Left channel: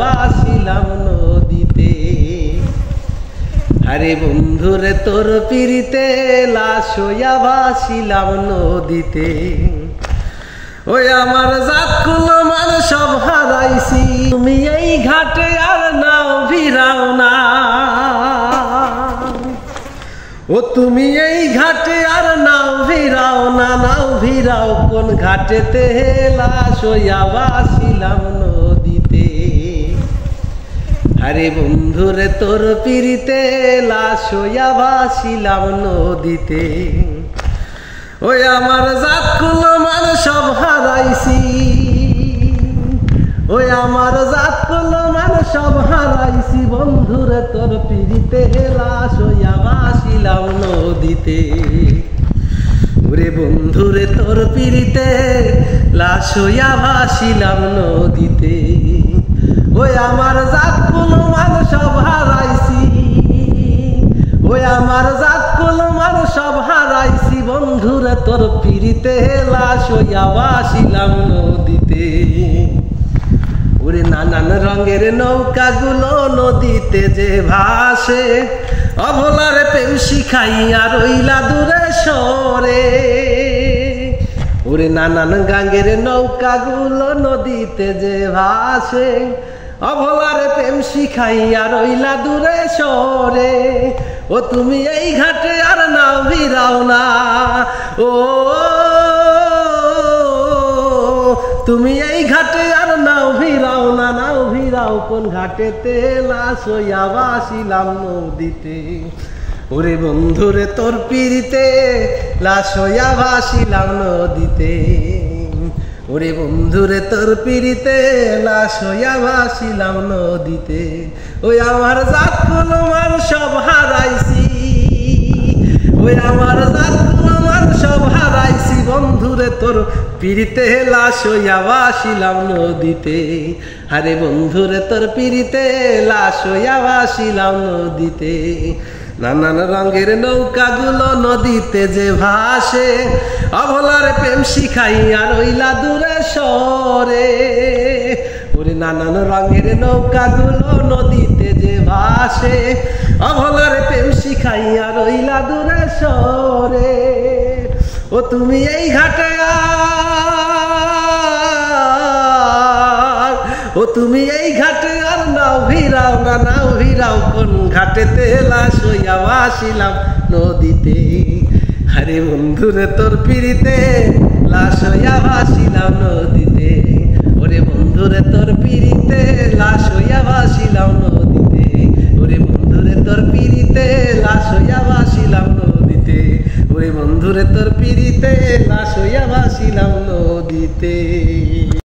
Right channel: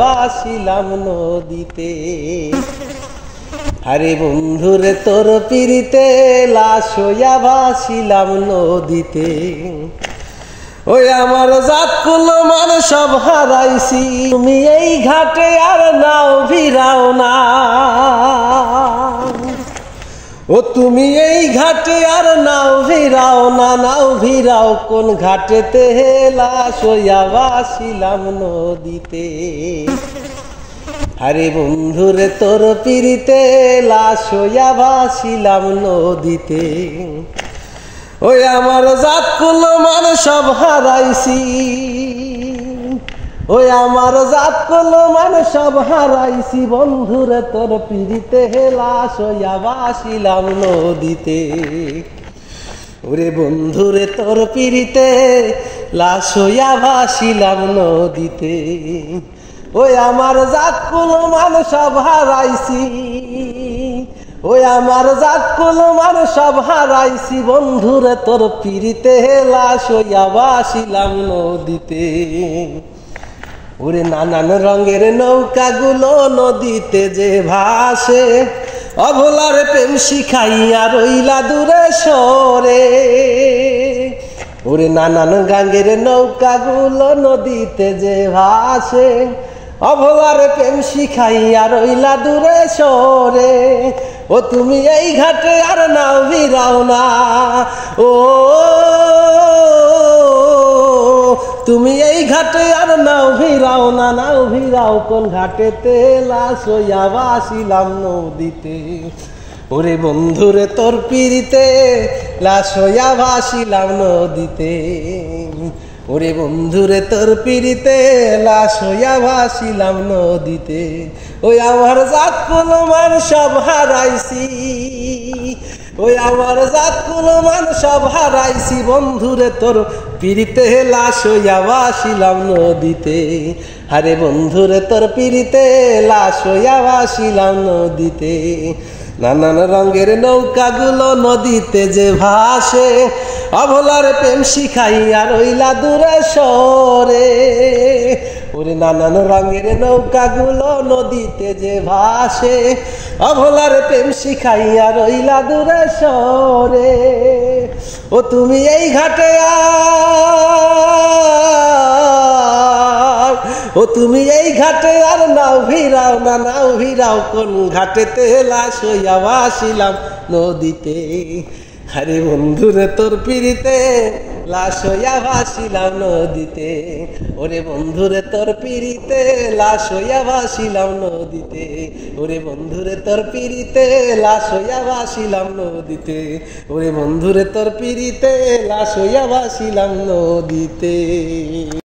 ভাসিলাম নদীতে। আরে বন্ধুরে তোর পিরিতে লাশ হইয়া ভাসিলাম নদীতে। ওই আমার জাত কুলো মান সব হারাইছি, তুমি এই ঘাটে আর নাও ভিড়াও না। ও তুমি এই ঘাটে আর নাও ভিড়াও না, নাও ভিড়াও কোন ঘাটেতে লাশ হইয়া ভাসিলাম নদীতে। আরে বন্ধুরে তোর পিরিতে লাশ হইয়া ভাসিলাম নদীতে। ওই আমার জাত কুলো মান সব হারাইছি, ওই আমার জাত কুলো মান সব হারাইছি, বন্ধুরে তোর পিরিতে লাশ হইয়া ভাসিলাম নদীতে। ওরে বন্ধুরে তোর পিরিতে লাশ হইয়া ভাসিলাম নদীতে। ওই আমার জাত কুলো মান সব হারাইছি, ওই আমার জাত কুলো মান সব হারাইছি, বন্ধুরে তোর পিরিতে লাশ হইয়া ভাসিলাম নদীতে। ওরে নানান রঙের নৌকাগুলো নদীতে যে ভাসে, অভলারে প্রেম শিখাইয়া রইলা দূরে সরে। ওরে নানান গাঙ্গের নৌকাগুলো নদীতে যে ভাসে, অভলারে প্রেম শিখাইয়া রইলা দূরে সরে। ও তুমি এই ঘাটে আর নাও ভিড়াও না, ও তুমি এই ঘাটে আর নাও ভিড়াও না, নাও ভিড়াও কোন ঘাটেতে লাশ হইয়া ভাসিলাম নদীতে। ওরে বন্ধুরে তোর পিরিতে লাশ হইয়া ভাসিলাম নদীতে। ওরে বন্ধুরে তোর পিরিতে লাশ হইয়া ভাসিলাম নদীতে। ওই আমার জাত কুলো মান সব হারাইছি, ওই আমার জাত কুলো মান সব হারাইছি, বন্ধুরে তোর পিরিতে লাশ হইয়া ভাসিলাম নদীতে। আরে বন্ধুরে তোর পিরিতে লাশ হইয়া ভাসিলাম নদীতে। নানান রঙের নৌকাগুলো নদীতে যে ভাসে, অভলারে প্রেম শিখাইয়া রইলা দূরে সরে। ওরে নানান রঙের নৌকাগুলো নদীতে যে ভাসে, অভলারে প্রেম শিখাইয়া রইলা দূরে সরে। ও তুমি এই ঘাটে আর, ও তুমি এই ঘাটে আর নাও ভিড়াও না, নাও ভিড়াও কোন ঘাটেতে লাশ হইয়া ভাসিলাম নদীতে। আরে বন্ধুরে তোর পিরিতে লাশ হইয়া ভাসিলাম নদীতে। ওরে বন্ধুরে তোর পিরিতে লাশ হইয়া ভাসিলাম নদীতে। ওরে বন্ধুরে তোর পিরিতে লাশ হইয়া ভাসিলাম নদীতে। ওরে বন্ধুরে তোর পিরিতে লাশ হইয়া ভাসিলাম নদীতে।